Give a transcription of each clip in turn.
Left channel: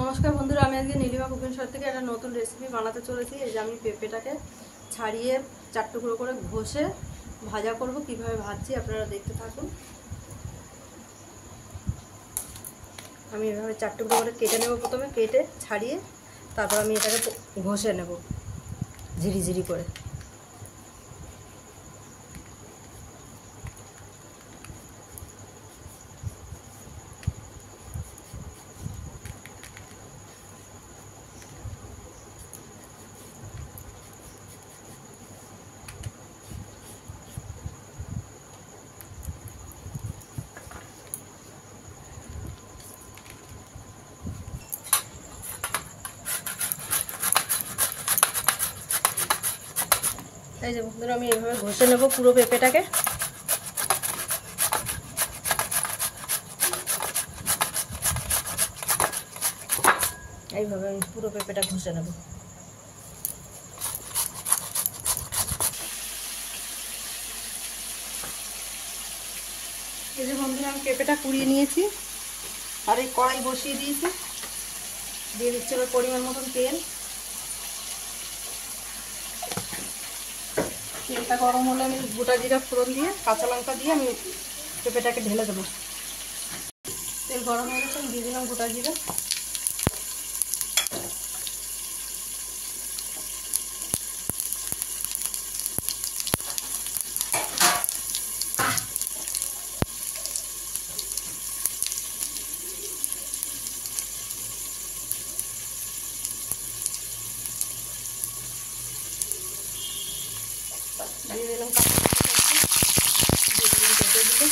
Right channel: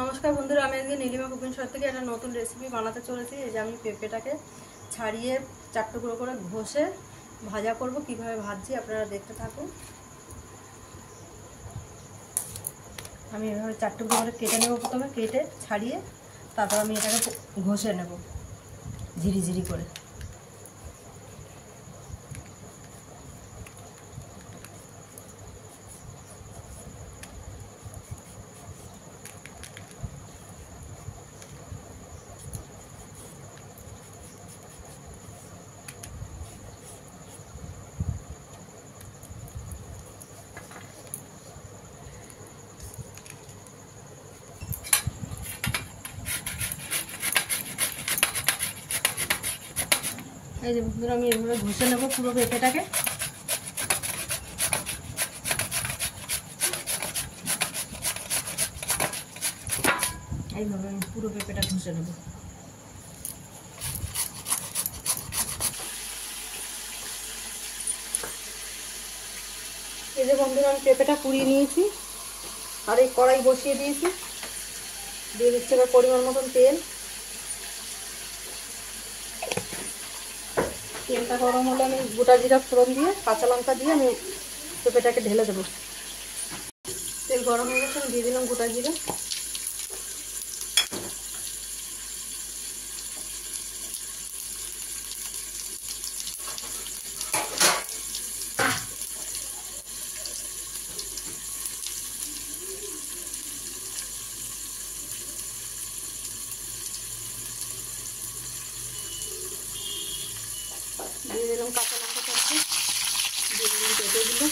নমস্কার বন্ধুরা, আমি আজকে নীলিমা কুকিং শো থেকে একটা নতুন রেসিপি বানাতে চলেছি। এই যে আমি পেঁপেটাকে ছাড়িয়ে 4 টুকরো করে ঘষে ভাজা করব। কিভাবে ভাজছি আপনারা দেখতে থাকুন। আমি এভাবে 4 টুকরো করে কেটে নেব। প্রথমে কেটে ছাড়িয়ে তারপর আমি এটাকে ঘষে নেব ঝিরিঝিরি করে। এই যে বন্ধুরা, আমি এভাবে ঘষে নেব পুরো পেঁপেটাকে। এইভাবে পুরো পেঁপেটা ঘষে নেব। এই যে বন্ধুরা, আমি পেঁপেটা কুড়িয়ে নিয়েছি আর এই কড়াই বসিয়ে দিয়েছি। দিয়ে দিচ্ছি এবার পরিমাণ মতন তেল। তেলটা গরম হলে আমি গোটা জিরা ফোড়ন দিয়ে কাঁচা লঙ্কা দিয়ে আমি পেঁপেটাকে ঢেলে দেবো। তেল গরম হয়ে গেছে, আমি দিয়ে দিলাম গোটা জিরা। দিয়ে দিলাম কাঁচা লঙ্কা, দিয়ে দিলাম পেঁপেগুলো।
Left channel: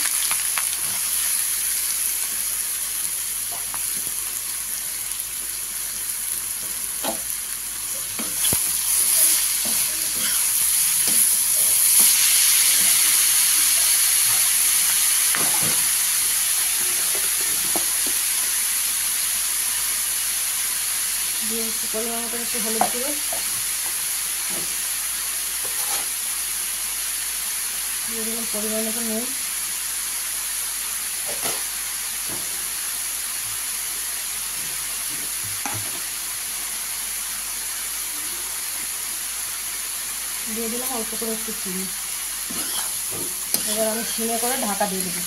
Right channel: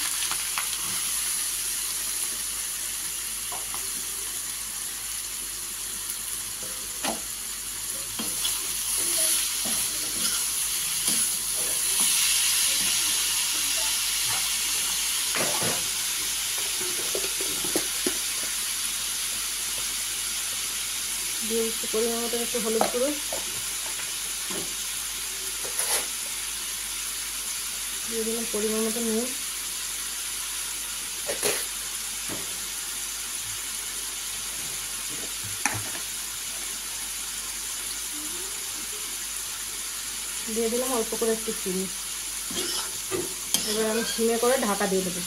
দিয়ে দিচ্ছি পরিমাণ মতো একটু হলুদ গুঁড়ো, দিয়ে দিলাম পরিমাণ মতো নুন, দিয়ে দিলাম অল্প করে একটু চিনি। এবার আমি সিমে করে ঢাকা দিয়ে দেবো।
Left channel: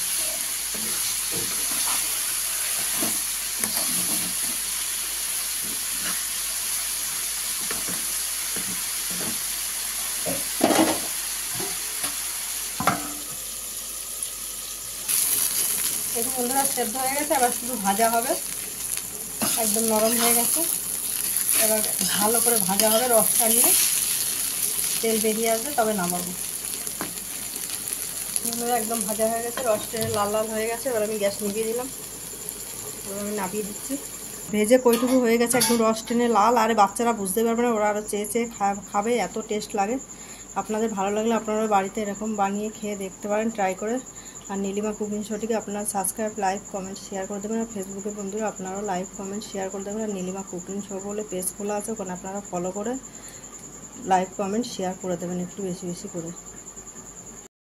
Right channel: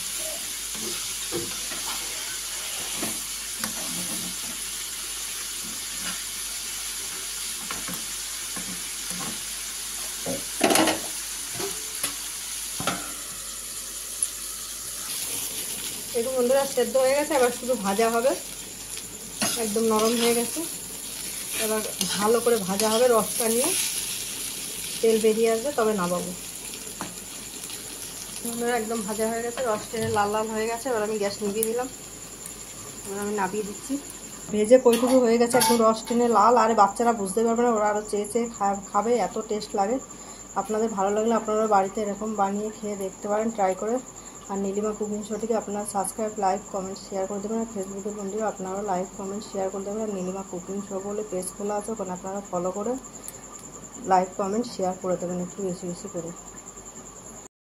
একটু বন্ধুরা সেদ্ধ হয়ে গেছে, এবার শুধু ভাজা হবে। একদম নরম হয়ে গেছে, এবার ভালো করে ভাজা হবে। রসটা নিয়ে তেল বেরিয়ে আসবে তবে নামাবো। বন্ধুরা একদম ভাজা হয়ে গেছে, রসটা লাল লাল হয়ে গেছে। এবার আমি গ্যাস নিভিয়ে দিলাম। এবার আমি নামিয়ে দিচ্ছি। ভেজে কইটুকু হয়ে গেছে, একদম রস টেনে লাল। আর বাচ্চারা বুঝতে পারবে না, ওরা আরও চেয়ে চেয়ে খাবে, এত টেস্ট লাগে। আপনাদের ভালো লাগলে আপনারা বাড়িতে এরকম বানিয়ে খেয়ে দেখতে পারেন, ট্রাই করে। আর নীলিমা কুকিং শোটিকে আপনারা সাবস্ক্রাইব, লাইক, কমেন্ট, শেয়ার করে দেবেন। আর ফেসবুকের বন্ধুরা আপনারাও লাইক, কমেন্ট, শেয়ার করে দেবেন। আর নীলিমা কুকিং শো বলে পেজ খোলা আছে, ওখানে আপনারা ফলো করে লাইক, কমেন্ট, শেয়ার করে দেবেন একটু বেশি বেশি করে।